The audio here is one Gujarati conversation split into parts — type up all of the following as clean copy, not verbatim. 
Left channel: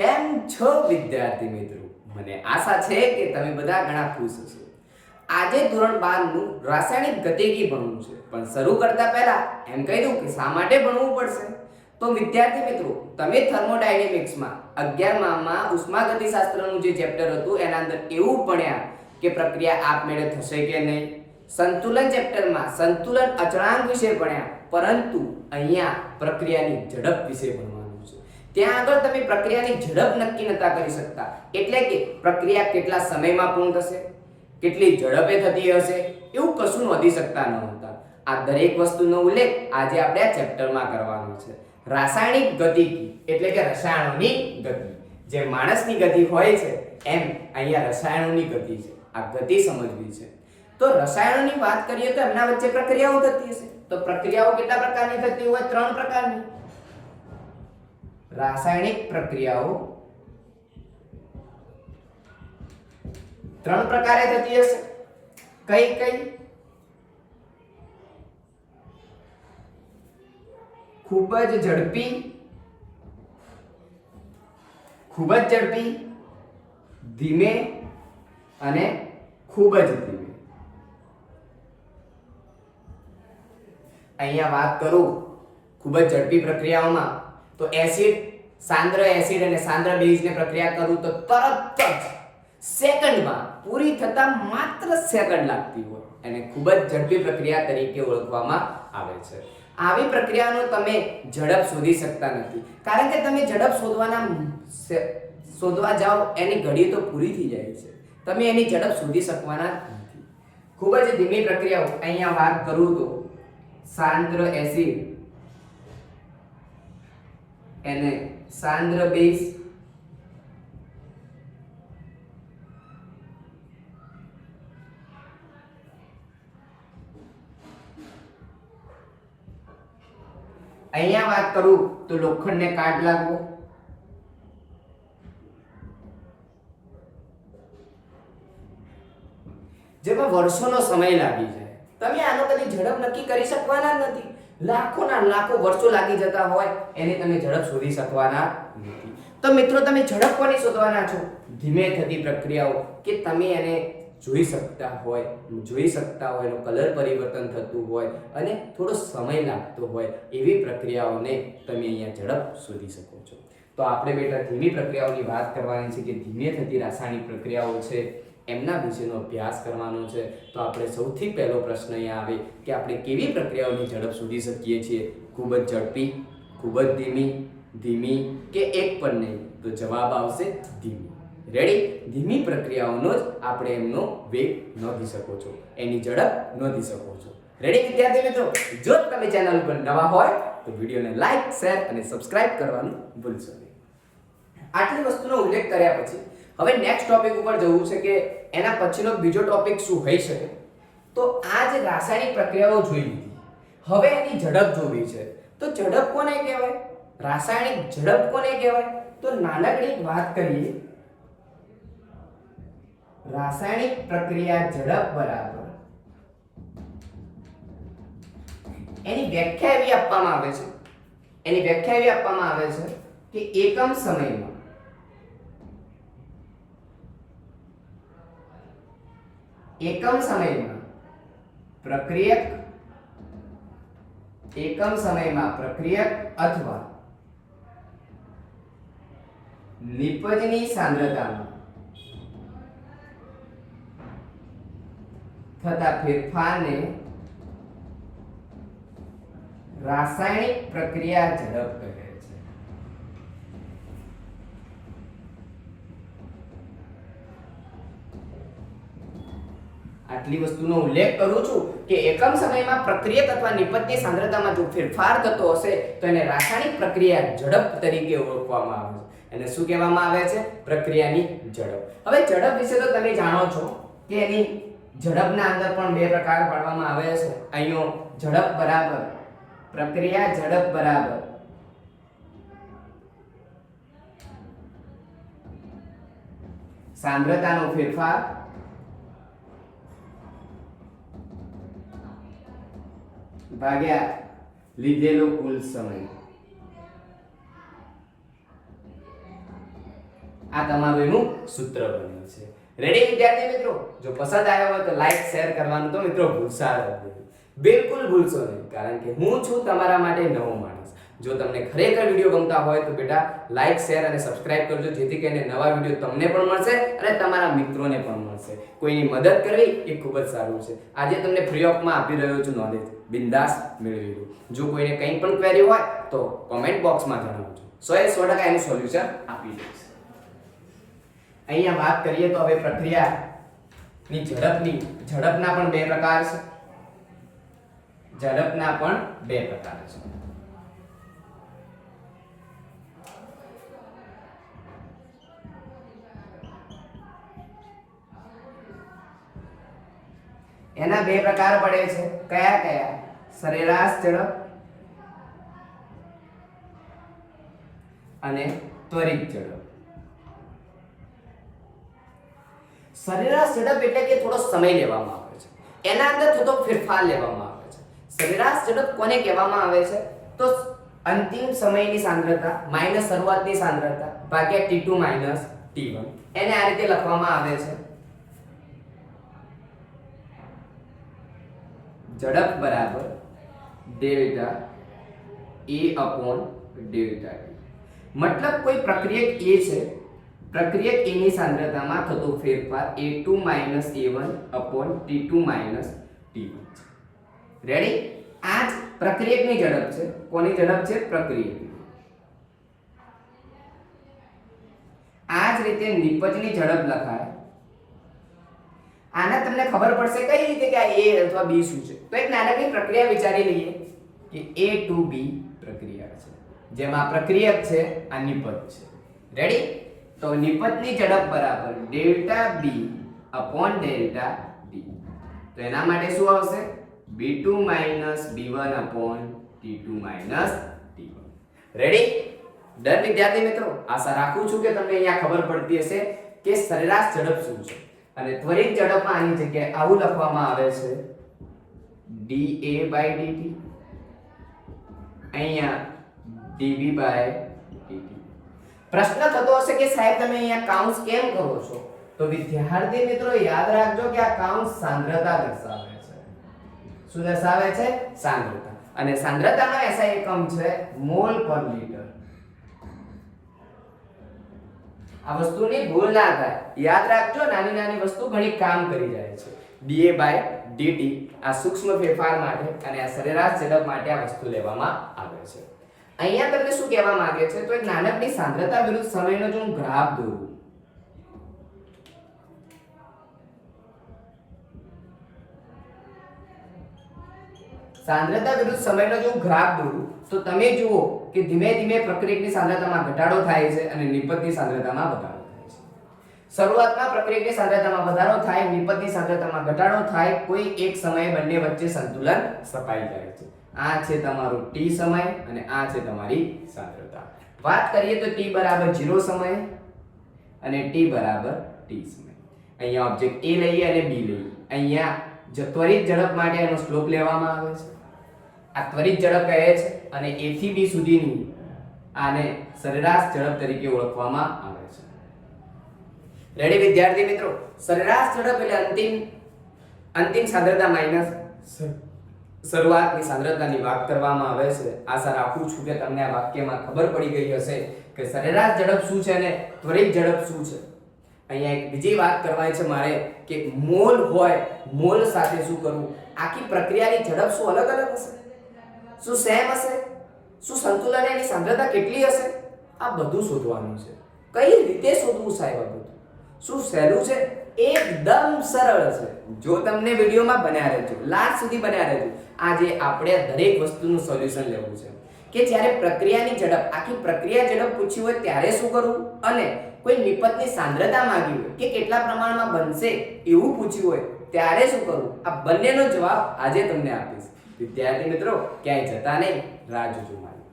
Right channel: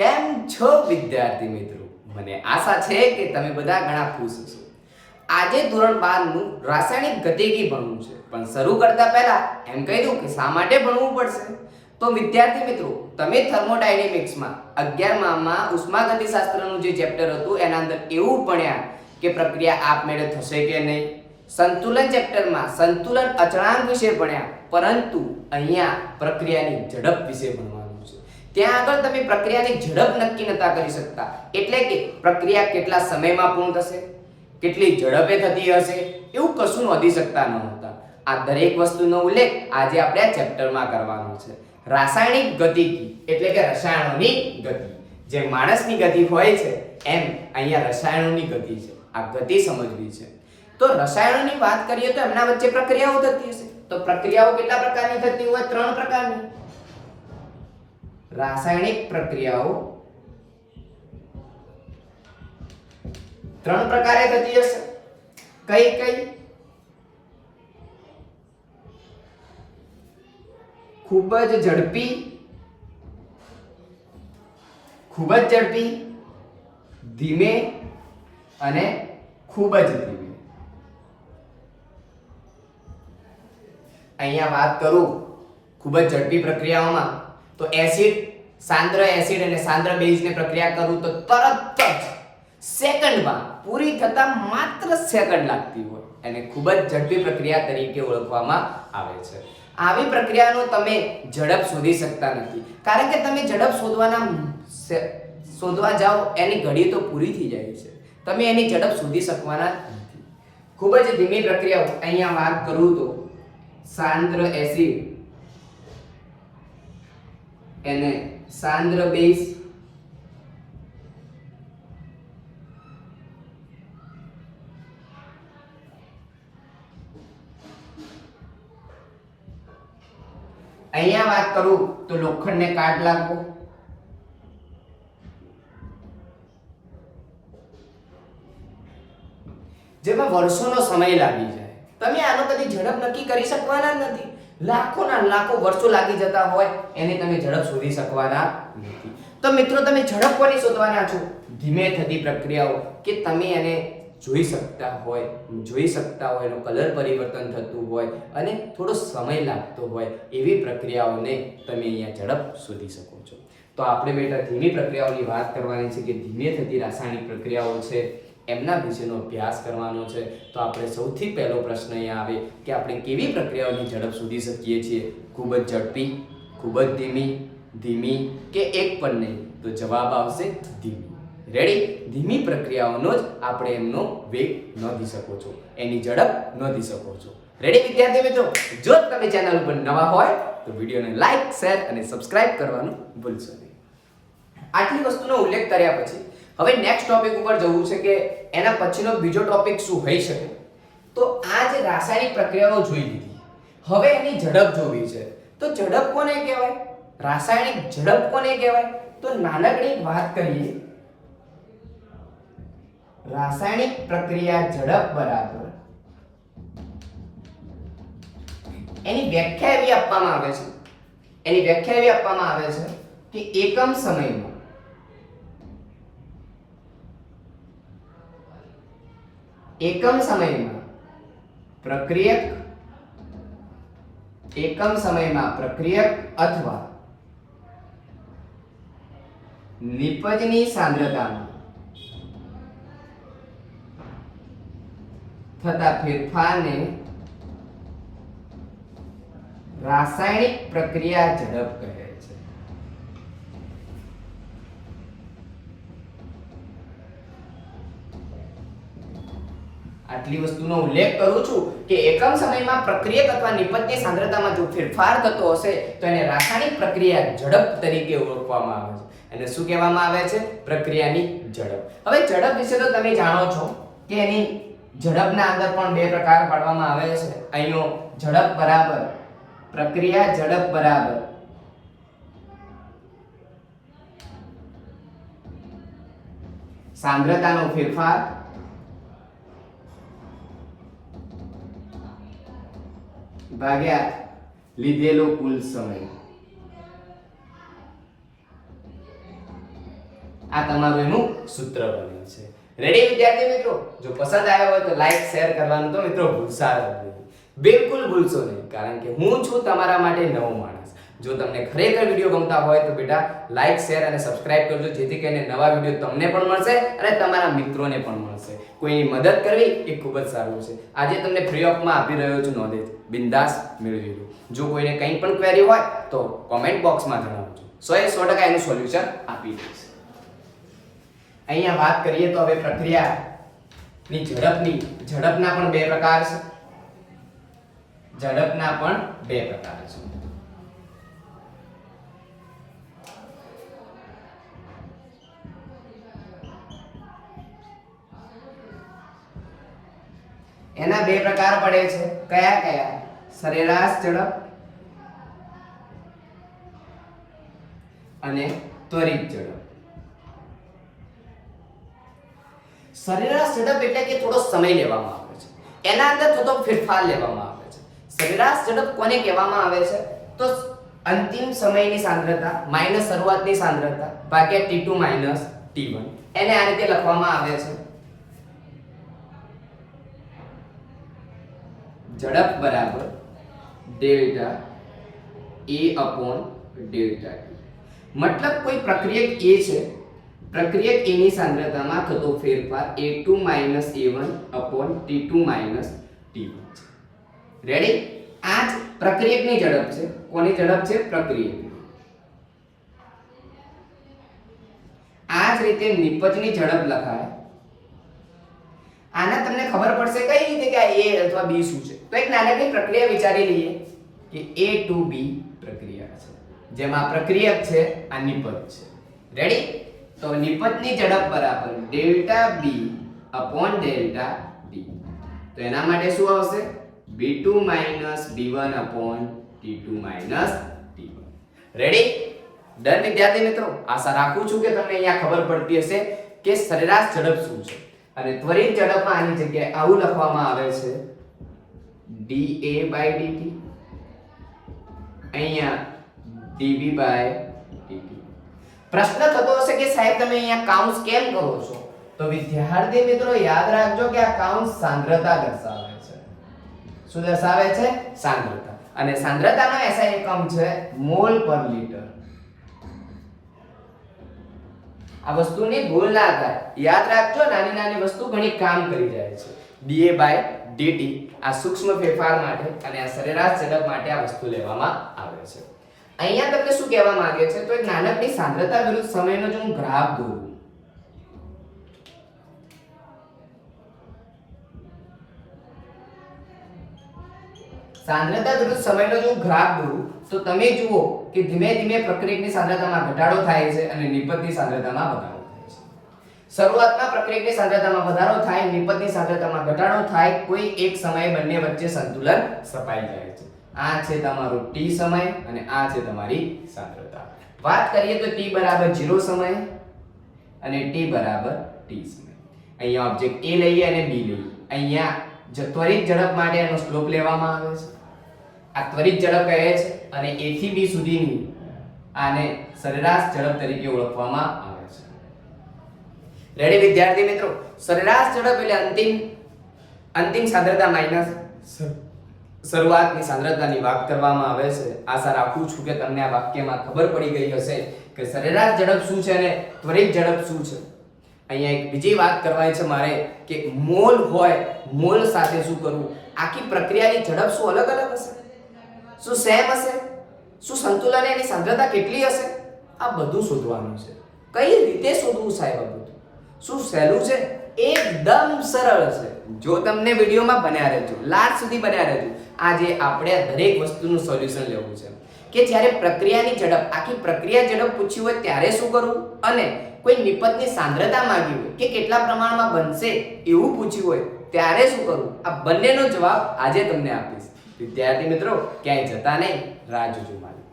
કેમ છો વિદ્યાર્થી મિત્રો? મને આશા છે કે તમે બધા ઘણા ખુશ હશો. આજે ધોરણ 12 નું રાસાયણિક ગતિકી ભણવું છે, પણ શરૂ કરતા પહેલા એમ કહી દઉં કે શા માટે ભણવું પડશે. તો વિદ્યાર્થી મિત્રો, તમે થર્મોડાયનેમિક્સમાં 11મા માં ઉષ્માગતિશાસ્ત્રનું જે ચેપ્ટર હતું એના અંદર એવું ભણ્યા કે પ્રક્રિયા આપમેળે થશે કે નહીં. સંતુલન ચેપ્ટરમાં સંતુલન અચળાંક વિશે ભણ્યા, પરંતુ અહીંયા પ્રક્રિયાની ઝડપ વિશે ભણવાનું છે. ત્યાં આગળ તમે પ્રક્રિયાની ઝડપ નક્કી નતા કરી શકતા, એટલે કે પ્રક્રિયા કેટલા સમયમાં પૂર્ણ થશે, કેટલી ઝડપે થતી હશે, એવું કશું નોંધી શકતા ન હતા. આ દરેક વસ્તુનો ઉલ્લેખ આજે આપણે આ ચેપ્ટરમાં કરવાનો છે. રાસાયણિક ગતિકી એટલે કે રસાયણોની ગતિ. જે માણસની ગતિ હોય છે એમ અહીંયા રસાયણોની ગતિ છે. આ ગતિ સમજવી છે. તો રસાયણોની વાત કરીએ તો એમના વચ્ચે પ્રક્રિયાઓ થતી હશે. તો પ્રક્રિયાઓ કેટલા પ્રકારની થતી હોય? 3 પ્રકારની. રાસાયણિક પ્રક્રિયાઓ 3 પ્રકારે થતી હશે. કઈ કઈ? ખૂબ જ ઝડપી, ધીમે અને ખૂબ જ ધીમે. અહીંયા વાત કરું ખૂબ જ ઝડપી પ્રક્રિયાઓમાં તો સાંદ્ર એસિડ અને સાંદ્ર બેઝને પ્રક્રિયા કરું તો તરત જ સેકન્ડમાં પૂરી થતા માત્ર સેકન્ડ લાગતી હોય અને ખૂબ જ ઝડપી પ્રક્રિયા તરીકે ઓળખવામાં આવે છે. આવી પ્રક્રિયાનો તમે ઝડપ શોધી શકતા નથી, કારણ કે તમે ઝડપ શોધવા જાઓ એની ઘડી તો પૂરી થઈ જાય છે. તમે એની ઝડપ શોધી શકવાના નથી. ખૂબ જ ધીમી પ્રક્રિયાઓ અહીંયા વાત કરું તો સાંદ્ર એસિડ અને સાંદ્ર બેઝ, અહીંયા વાત કરું તો લોખંડને કાટ લાગવો, જેમાં વર્ષોનો સમય લાગી જાય. તમે આનો કદી ઝડપ નક્કી કરી શકવાના જ નથી. લાખોના લાખો વર્ષો લાગી જતા હોય એને તમે ઝડપ શોધી શકવાના નથી. તો મિત્રો, તમે ઝડપ કોની શોધવાના છો? ધીમે થતી પ્રક્રિયાઓ કે તમે એને જોઈ શકતા હોય, એનો કલર પરિવર્તન થતું હોય અને થોડો સમય લાગતો હોય એવી પ્રક્રિયાઓને તમે અહીંયા ઝડપ શોધી શકો છો. તો આપણે બેટા ધીમી પ્રક્રિયાઓની વાત કરવાની છે કે ધીમે થતી રાસાયણિક પ્રક્રિયાઓ છે એમના વિશેનો અભ્યાસ કરવાનો છે. તો આપણે સૌથી પહેલો પ્રશ્ન અહીંયા આવે કે આપણે કેવી પ્રક્રિયાઓની ઝડપ શોધી શકીએ છીએ? ખૂબ જ ઝડપી, ખૂબ જ ધીમી કે એક પણ નહીં? તો જવાબ આવશે ધીમી. રેડી? ધીમી પ્રક્રિયાઓનો જ આપણે એમનો વેગ નોંધી શકો છો, એની ઝડપ નોંધી શકો છો. રેડી વિદ્યાર્થી મિત્રો? જો તમે ચેનલ પર નવા હોય તો વિડીયોને લાઈક, શેર અને સબસ્ક્રાઇબ કરવાનું ભૂલશો નહીં. આટલી વસ્તુનો ઉલ્લેખ કર્યા પછી હવે નેક્સ્ટ ટોપિક ઉપર જવું છે કે એના પછીનો બીજો ટોપિક શું હોઈ શકે. તો આ જે રાસાયણિક પ્રક્રિયાઓ જોઈ લીધી, હવે એની ઝડપ જોવી છે. તો ઝડપ કોને કહેવાય? રાસાયણિક ઝડપ કોને કહેવાય? તો નાનકડી વાત કરીએ. રાસાયણિક પ્રક્રિયા ઝડપ બરાબર એની વ્યાખ્યા એવી આપવામાં આવે છે કે એકમ સમયમાં પ્રક્રિયક અથવા નિપજની સાંદ્રતામાં થતા ફેરફારને રાસાયણિક પ્રક્રિયા ઝડપ કહે છે. આટલી વસ્તુનો ઉલ્લેખ કરું છું કે એકમ સમયમાં પ્રક્રિયક અથવા નિપજની સાંદ્રતામાં જો ફેરફાર થતો હશે તો એને રાસાયણિક પ્રક્રિયા ઝડપ તરીકે ઓળખવામાં આવે છે. એને શું કહેવામાં આવે છે? પ્રક્રિયાની ઝડપ. હવે ઝડપ વિશે તો તમે જાણો છો કે એની ઝડપના અંદર પણ 2 પ્રકાર પાડવામાં આવે છે. અહીંયો ઝડપ બરાબર પ્રક્રિયા ઝડપ બરાબર સાંદ્રતાનો ફેરફાર ભાગ્યા લીધેલો કુલ સમય. આ તમારું એનું સૂત્ર બને છે. રેડી વિદ્યાર્થી મિત્રો? જો પસંદ આવ્યો હોય તો લાઈક શેર કરવાનું તો મિત્રો ભૂલશા નહીં, બિલકુલ ભૂલશો નહીં, કારણ કે હું છું તમારા માટે નવો માણસ. જો તમને ખરેખર વિડીયો ગમતા હોય તો બેટા લાઈક શેર અને સબસ્ક્રાઇબ કરજો, જેથી કરીને નવા વિડીયો તમને પણ મળશે અને તમારા મિત્રોને પણ મળશે. કોઈની મદદ કરવી એ ખૂબ જ સારું છે. આજે તમને ફ્રી ઓફમાં આપી રહ્યો છું નોલેજ, બિંદાસ મેળવી લો. જો કોઈને કંઈ પણ ક્વેરી હોય તો કોમેન્ટ બોક્સમાં જણાવજો, 100% એનું સોલ્યુશન આપી દઈશ. અહીંયા વાત કરીએ તો હવે પ્રક્રિયાની ઝડપના પણ બે પ્રકાર છે. ઝડપના પણ બે પ્રકાર છે. એના બે પ્રકાર પડે છે. કયા કયા? સરેરાશ ઝડપ અને ત્વરિત ઝડપ. સરેરાશ ઝડપ એટલે કે થોડો સમય લેવામાં આવે છે, એના અંદર થોડો ફેરફાર લેવામાં આવે છે. સરેરાશ ઝડપ કોને કહેવામાં આવે છે? તો અંતિમ સમયની સાંદ્રતા માઈનસ શરૂઆતની સાંદ્રતા ભાગ્યા t2 માઈનસ t1, એને આ રીતે લખવામાં આવે છે. ઝડપ બરાબર delta a upon delta t. મતલબ કોઈ પ્રક્રિયક a છે, પ્રક્રિયક a ની સાંદ્રતામાં થતો ફેરફાર a2 a1 upon t2 t1 છે. રેડી? આ જ પ્રક્રિયકની ઝડપ છે. કોની ઝડપ છે? પ્રક્રિયકની. આ જ રીતે નિપજની ઝડપ લખાય. આના તમને ખબર પડશે કઈ રીતે કે આ a અથવા b શું છે? તો એક નાનકડી પ્રક્રિયા વિચારી લઈએ કે a to b પ્રક્રિયા છે, જેમાં પ્રક્રિયક છે આ નિપજ છે. રેડી? તો નિપજની ઝડપ બરાબર delta b upon delta t. તો એના માટે શું આવશે? b2 b1 upon t2 t1. Ready? Done વિદ્યાર્થી મિત્રો? આશા રાખું છું કે તમને અહીંયા ખબર પડતી હશે કે સરેરાશ ઝડપ શું છે. અને ત્વરિત ઝડપમાં આની જગ્યાએ આવું લખવામાં આવે છે dA/dt, અહીંયા dV/dt. પ્રશ્ન થતો હશે કે સાહેબ તમે અહીંયા કાઉન્સ કેમ કરો છો? તો વિદ્યાર્થી મિત્રો યાદ રાખજો કે આ કાઉન્સ સાંદ્રતા દર્શાવે છે. શું દર્શાવે છે? સાંદ્રતા. અને સાંદ્રતાનો SI એકમ છે મોલ પર લિટર. આ વસ્તુની ભૂલ ના થાય, યાદ રાખજો. નાની નાની વસ્તુ ઘણી કામ કરી જાય છે. dA/dt આ સૂક્ષ્મ ફેરફાર માટે અને આ સરેરાશ ઝડપ માટે આ વસ્તુ લેવામાં આવે છે. અહીંયા તમને શું કહેવા માંગે છે? તો એક નાનકડી સાંદ્રતા વિરુદ્ધ સમયનો જો હું ગ્રાફ દોરું, સાંદ્રતા વિરુદ્ધ સમયનો જો હું ગ્રાફ દોરું તો તમે જુઓ કે ધીમે ધીમે પ્રક્રિયકની સાંદ્રતામાં ઘટાડો થાય છે અને નિપજની સાંદ્રતામાં વધારો થાય છે. શરૂઆતમાં પ્રક્રિયકની સાંદ્રતામાં વધારો થાય, નિપજની સાંદ્રતામાં ઘટાડો થાય, કોઈ એક સમયે બંને વચ્ચે સંતુલન સ્થપાઈ જાય છે. આ છે તમારો t સમય અને આ છે તમારી સાંદ્રતા. વાત કરીએ તો t બરાબર 0 સમય અને t બરાબર t સમય. અહીંયા ઓબ્જેક્ટ a લઈએ અને b લઈએ. અહીંયા ત્વરિત ઝડપ માટે એનો સ્લોપ લેવામાં આવે છે. આ ત્વરિત ઝડપ કહે છે અને a થી b સુધીની આને સરેરાશ ઝડપ તરીકે ઓળખવામાં આવે છે. રેડી વિદ્યાર્થી મિત્રો? સરેરાશ ઝડપ એટલે અંતિમ સાંદ્રતા માઈનસ શરૂઆતની સાંદ્રતાની વાત કરવામાં આવે છે. આશા રાખું છું કે તમને આ વાક્યમાં ખબર પડી ગઈ હશે કે સરેરાશ ઝડપ શું છે અને ત્વરિત ઝડપ શું છે. અહીંયા એક બીજી વાત કરવાની છે મારે કે મોલ હોય, મોલ સાથે શું કરવું? આખી પ્રક્રિયાની ઝડપ શું અલગ અલગ હશે? શું સેમ હશે? શું સંતુલન એની સાંદ્રતા કેટલી હશે? આ બધું શોધવાનું છે. કઈ રીતે શોધવું સાહેબ? આ બધું શું સહેલું છે? એકદમ સરળ છે. જો તમને વિડીયોમાં બન્યા રહેજો, લાસ્ટ સુધી બન્યા રહેજો. આજે આપણે દરેક વસ્તુનું સોલ્યુશન લેવું છે કે જ્યારે પ્રક્રિયાની ઝડપ, આખી પ્રક્રિયા ઝડપ પૂછી હોય ત્યારે શું કરવું, અને કોઈ નિપજની સાંદ્રતા માંગી હોય કે કેટલા પ્રમાણમાં બનશે એવું પૂછ્યું હોય ત્યારે શું કરવું, આ બંનેનો જવાબ આજે તમને આપીશ. વિદ્યાર્થી મિત્રો ક્યાંય જતા નહીં, રાહ જોજો મારી.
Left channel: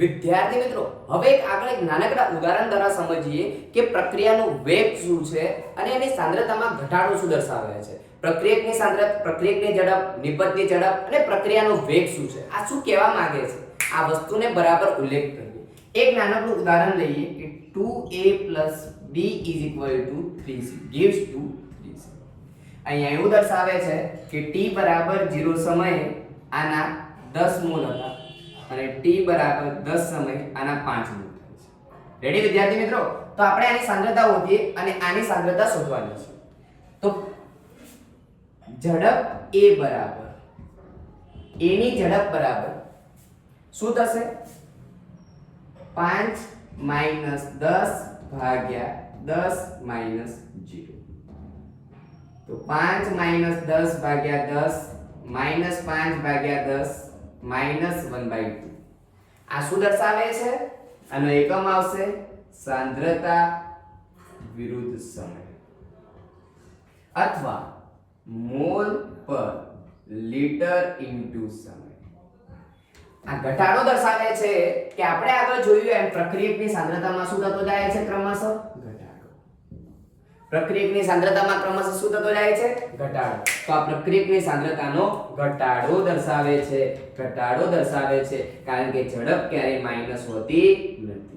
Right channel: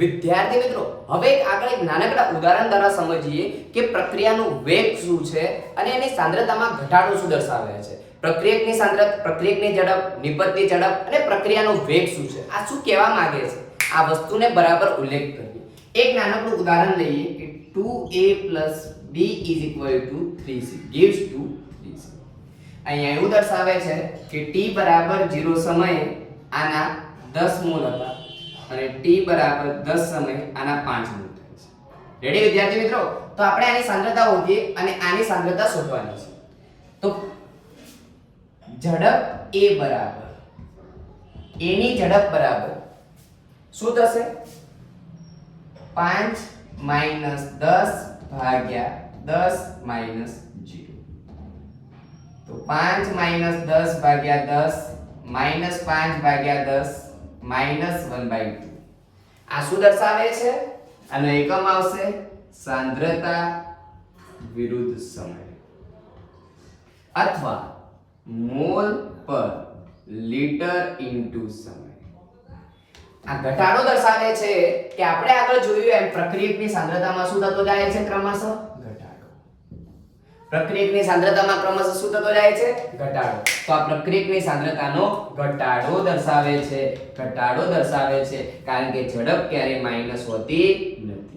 વિદ્યાર્થી મિત્રો હવે આગળ એક નાનકડા ઉદાહરણ દ્વારા સમજીએ કે પ્રક્રિયાનો વેગ શું છે અને એની સાંદ્રતામાં ઘટાડો શું દર્શાવે છે. પ્રક્રિયકની સાંદ્રતા, પ્રક્રિયકની ઝડપ, નિપજની ઝડપ અને પ્રક્રિયાનો વેગ શું છે, આ શું કહેવા માંગે છે, આ વસ્તુને બરાબર ઉલ્લેખ કરીએ. એક નાનકડું ઉદાહરણ લઈએ કે 2a + b = 3c gives to 3c. અહીંયા એવું દર્શાવે છે કે t = 0 સમયે આના 10 મોલ હતા અને t = 10 સમયે આના 5 મોલ થાય છે. રેડી વિદ્યાર્થી મિત્રો? તો આપણે આની સાંદ્રતા શોધીએ અને આની સાંદ્રતા શોધવાની છે. તો ઝડપ a બરાબર a ની ઝડપ બરાબર શું થશે? 5 - 10 ભાગ્યા 10 - 0. તો 5 - 10 ભાગ્યા 10 - 5 ભાગ્યા 10 -1/2. આ શું દર્શાવે છે? આનો એકમ આવશે સાંદ્રતા વિરુદ્ધ સમય અથવા મોલ પર લિટર ઇન્ટુ સમય. આ ઘટાડો દર્શાવે છે કે આપણે આગળ જોયું એમ પ્રક્રિયકની સાંદ્રતામાં શું થતો જાય છે? ક્રમશઃ ઘટાડો. પ્રક્રિયકની સાંદ્રતામાં ક્રમશઃ શું થતો જાય છે? ઘટાડો. તો આ પ્રક્રિયકની સાંદ્રતાનો ઘટાડો દર્શાવે છે. ઘટાડો દર્શાવે છે કારણ કે ઝડપ ક્યારેય માઈનસ હોતી નથી.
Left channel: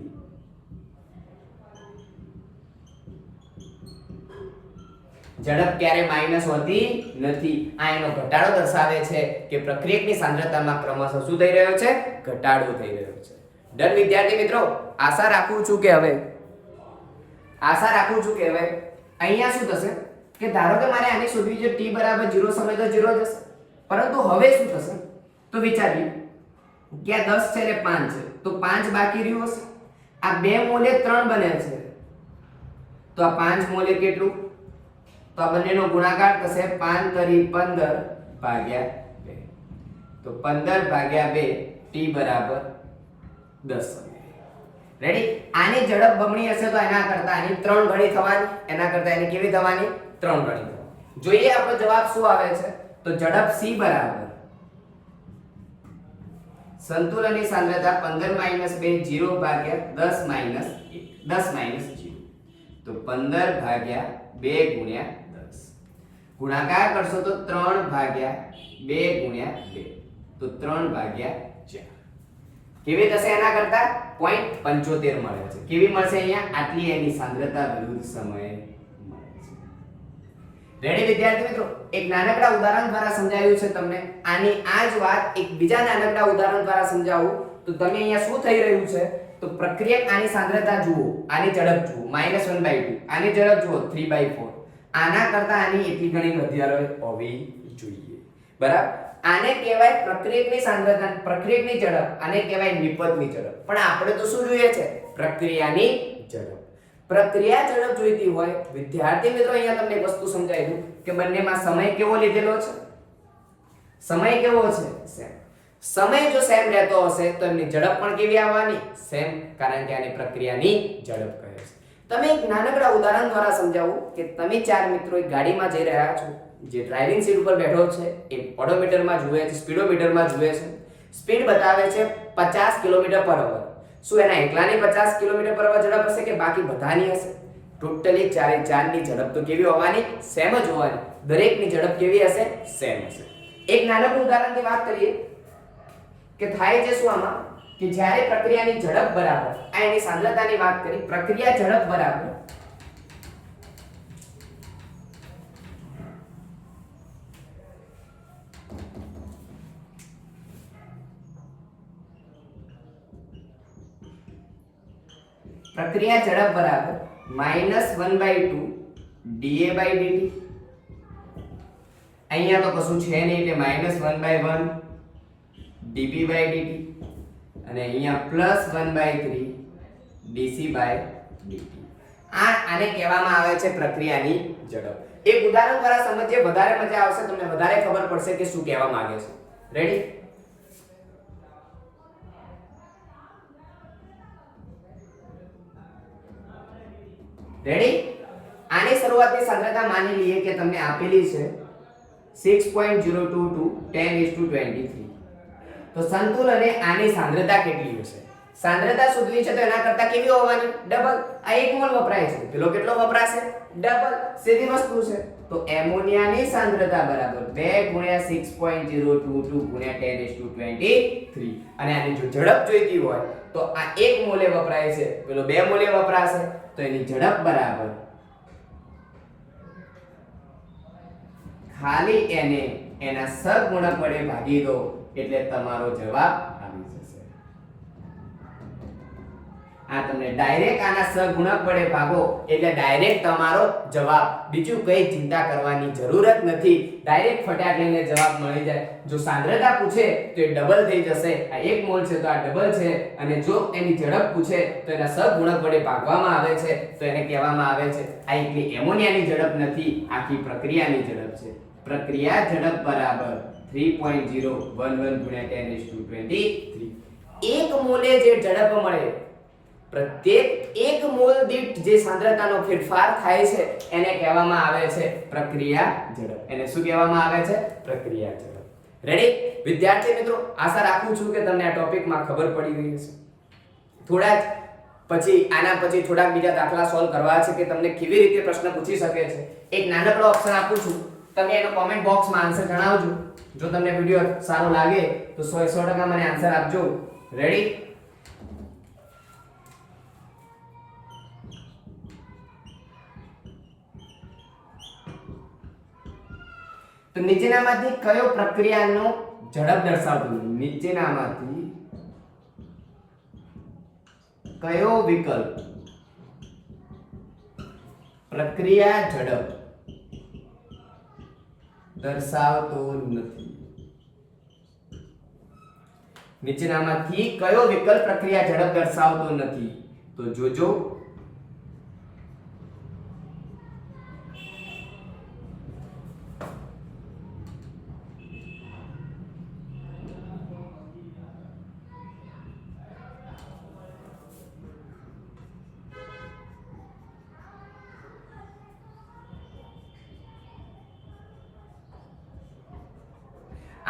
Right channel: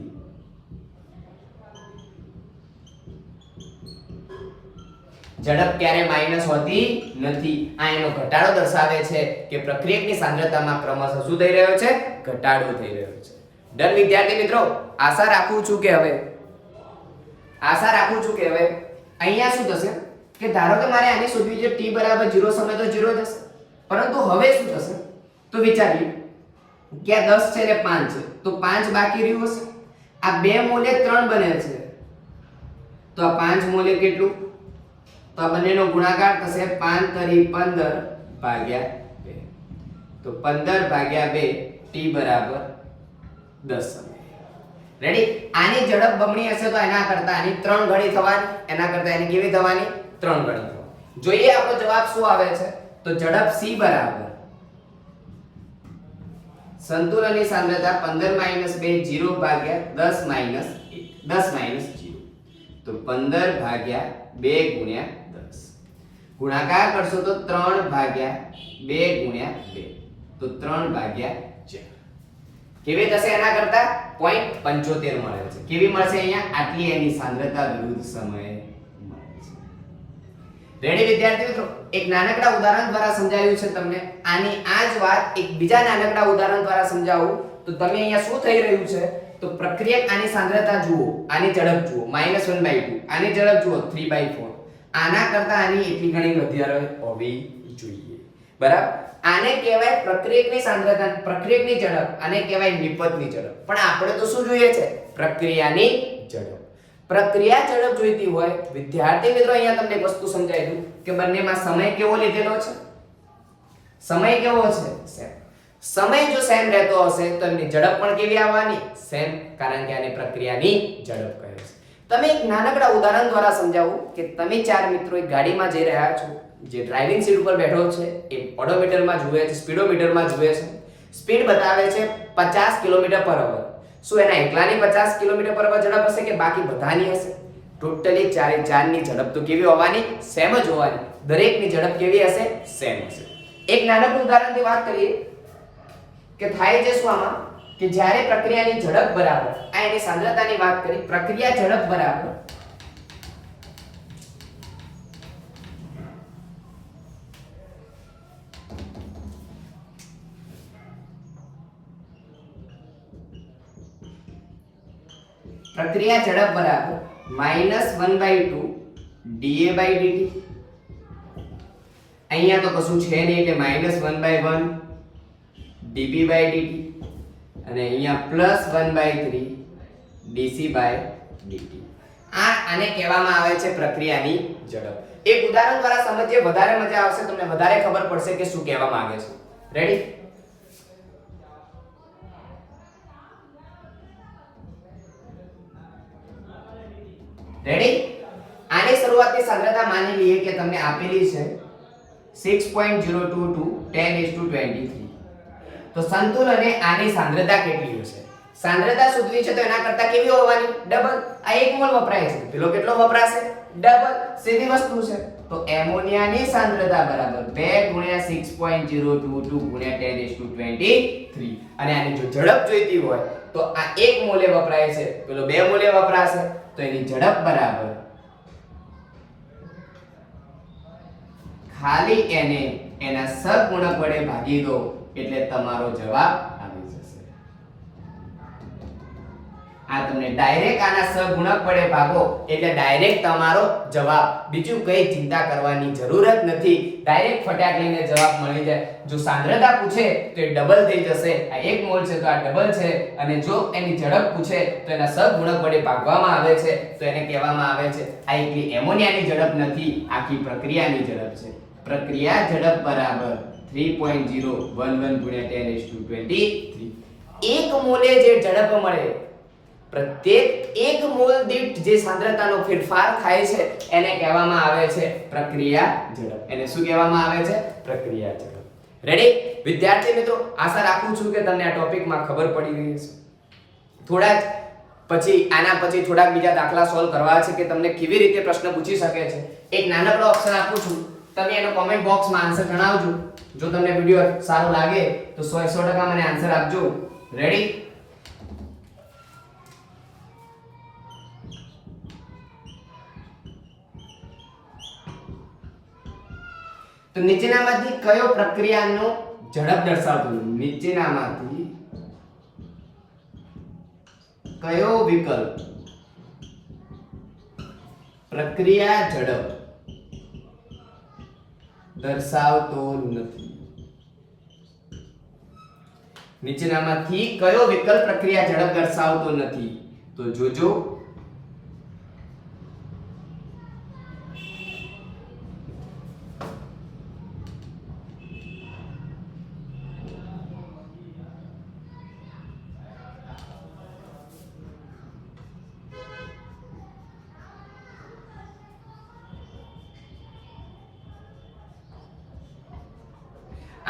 ઝડપ ક્યારે માઈનસ હોતી નથી. આ એનો ઘટાડો દર્શાવે છે કે પ્રક્રિયકની સાંદ્રતામાં ક્રમશઃ શું થઈ રહ્યો છે? ઘટાડો થઈ રહ્યો છે. ડન વિદ્યાર્થી મિત્રો? આશા રાખું છું કે હવે અહીંયા શું થશે કે ધારો કે મારે આની શોધવી છે t = 0 સમય તો 0 જ હશે. પરંતુ હવે શું થશે? તો વિચારીએ કે આ 10 છે ને 5 છે તો 5 બાકી રહ્યું હશે. આ 2 મોલે 3 બને છે તો આ 5 મોલે કેટલું? તો આ બંનેનો ગુણાકાર થશે 5 તરી 15 ભાગ્યા 2. તો 15 ભાગ્યા 2 t બરાબર 10 સમય. રેડી? આની ઝડપ બમણી હશે તો એના કરતા આની 3 ગણી થવાની, એના કરતા એની કેવી થવાની? 3 ગણી થવાની. જોઈએ આપણો જવાબ શું આવે છે. તો ઝડપ c બરાબર સંતુલનની સાંદ્રતા 15 - 2 0 ભાગ્યા 10 - 1 10 - 0. તો 15 ભાગ્યા 2 ગુણ્યા 10 ગુણાકાર કરશો તો 3 ભાગ્યા 2 ગુણ્યા 2 તો 3 ભાગ્યા 4. કેવી થશે એના કરતા? 0.75 મળે છે. કેવી મળશે અહીંયા? આટલી એની સાંદ્રતા વિરુદ્ધ સમયે મળે છે. રેડી વિદ્યાર્થી મિત્રો? એક નાનકડા ઉદાહરણ દ્વારા સમજાવ્યું છે તમને. આની આ જ વાત એક બીજા નાનકડા ઉદાહરણ દ્વારા સમજાવું તો તમે અહીંયા શું થઈ રહ્યું છે? તો પ્રક્રિયક આની સાંદ્રતા જુઓ, આની ઝડપ જુઓ -1/2, આની ઝડપ જુઓ 3/4. આના કરતા આની એટલી ઘણી વધારે હોવી જોઈએ. બરાબર? આને કહેવાય પ્રક્રિયકની સાંદ્રતા, પ્રક્રિયકની ઝડપ. આને કહેવાય નિપજની ઝડપ. પણ આપણે તો શું જોઈએ છે? પ્રક્રિયાની ઝડપ. પ્રક્રિયા ઝડપ જોઈતી હોય વિદ્યાર્થી મિત્રો અહીંયા તમને એક વસ્તુ સમજાવી દઉં કે બંનેમાં સમય કેવો લીધેલો છે? સમય કેવો છે? સેમ. સમય જો સેમ રહેતો હશે તો એમની ઝડપ પણ કેવી આવવાની? સેમ. કારણ કે આને પ્રક્રિયાની ઝડપ કહે છે. તમે એક નાનકડા ઉદાહરણ દ્વારા સમજાવું કે તમે 4 મિત્રો એક ગાડીમાં જઈ રહ્યા છો. જે ડ્રાઇવિંગ સીટ ઉપર બેઠો છે એ ઓડોમીટરમાં જુએ છે, સ્પીડોમીટરમાં જુએ છે. સ્પીડ બતાવે છે 50 km/h. શું એના એકલાની 50 km/h ઝડપ હશે કે બાકી બધાની હશે? ટોટલી 4 ની ઝડપ તો કેવી હોવાની? સેમ જ હોવાની. દરેકની ઝડપ કેવી હશે? સેમ હશે. એક નાનકડું ઉદાહરણથી વાત કરીએ કે થાય છે શું આમાં કે જ્યારે પ્રક્રિયાની ઝડપ બરાબર, આ એની સાંદ્રતાની વાત કરી, પ્રક્રિયા ઝડપ બરાબર -1/2 dA/dt. અહીંયા તો કશું છે નહીં એટલે -1/1 dB/dt અને અહીંયા +1/3 dC/dt. આને કહેવામાં આવે છે પ્રક્રિયાની ઝડપ. એક ઉદાહરણ દ્વારા સમજીએ, વધારે મજા આવશે, તમને વધારે ખબર પડશે કે શું કહેવા માંગે છે. રેડી? રેડી? આની શરૂઆતની સાંદ્રતા માની લઈએ કે તમને આપેલી છે 6.022 10:23. તો સંતુલને આની સાંદ્રતા કેટલી હશે? સાંદ્રતા શોધવી છે તો એના કરતા કેવી હોવાની? ડબલ. આ 1 મોલ વપરાય છે, પેલો કેટલો વપરાશે? ડબલ. સીધી વસ્તુ છે. તો એમોનિયાની સાંદ્રતા બરાબર 2 * 6.022 * 1023. અને આની જો ઝડપ જોઈતી હોય તો આ 1 મોલે વપરાય છે, પેલો 2 મોલે વપરાશે, તો એની ઝડપ બરાબર ખાલી એને એના સહગુણક વડે ભાગી દો એટલે તમારો જવાબ આવી જશે. આ તમને ડાયરેક્ટ આના સહગુણક વડે ભાગો એટલે ડાયરેક્ટ તમારો જવાબ, બીજું કઈ ચિંતા કરવાની જરૂરત નથી, ડાયરેક્ટ ફટાક લઈને જવાબ મળી જાય. જો સાંદ્રતા પૂછે તો એ ડબલ થઈ જશે, આ 1 મોલ છે તો આ ડબલ છે, અને જો એની ઝડપ પૂછે તો એના સહગુણક વડે ભાગવામાં આવે છે તો એને કહેવામાં આવે છે આ એકલી એમોનિયાની ઝડપ નથી, આખી પ્રક્રિયાની ઝડપ છે. પ્રક્રિયા ઝડપ બરાબર 3.011 × 10⁻23. 1 મોલે જે ઝડપ મળે, પ્રત્યેક 1 મોલ દીઠ જે સાંદ્રતાનો ફેરફાર થાય છે એને કહેવામાં આવે છે પ્રક્રિયા ઝડપ. એને શું કહેવામાં આવે છે? પ્રક્રિયા ઝડપ. રેડી વિદ્યાર્થી મિત્રો, આશા રાખું છું કે તમને આ ટોપિકમાં ખબર પડી ગઈ હશે. આના પછી થોડાક બીજા દાખલા સોલ્વ કરવા છે કે તમને કેવી રીતે પ્રશ્ન પૂછી શકે છે. એક નાનકડો ઓપ્શન આપું છું, તમે એનો કોમેન્ટ બોક્સમાં આન્સર જણાવજો. જો તમને વિડિયો સારો લાગે તો 100% મને આન્સર આપજો. રેડી? તો નીચેનામાંથી કયો પ્રક્રિયાનો ઝડપ દર્શાવતું? નીચેનામાંથી કયો વિકલ્પ પ્રક્રિયા ઝડપ દર્શાવતો નથી? નીચેનામાંથી કયો વિકલ્પ પ્રક્રિયા ઝડપ દર્શાવતો નથી? તો જોજો.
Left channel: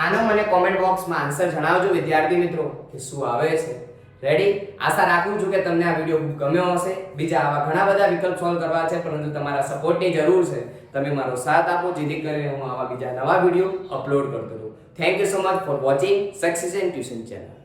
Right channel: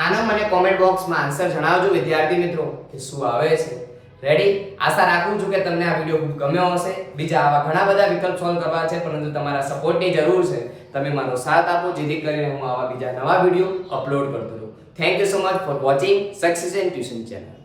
આનો મને કોમેન્ટ બોક્સમાં આન્સર જણાવજો વિદ્યાર્થી મિત્રો કે શું આવે છે. રેડી? આશા રાખું છું કે તમને આ વિડિયો ખૂબ ગમ્યો હશે. બીજા આવા ઘણા બધા વિકલ્પ સોલ્વ કરવા છે, પરંતુ તમારા સપોર્ટની જરૂર છે. તમે મારો સાથ આપો જેથી કરીને હું આવા બીજા નવા વિડિયો અપલોડ કરતો રહું. Thank you so much for watching success in tuition channel.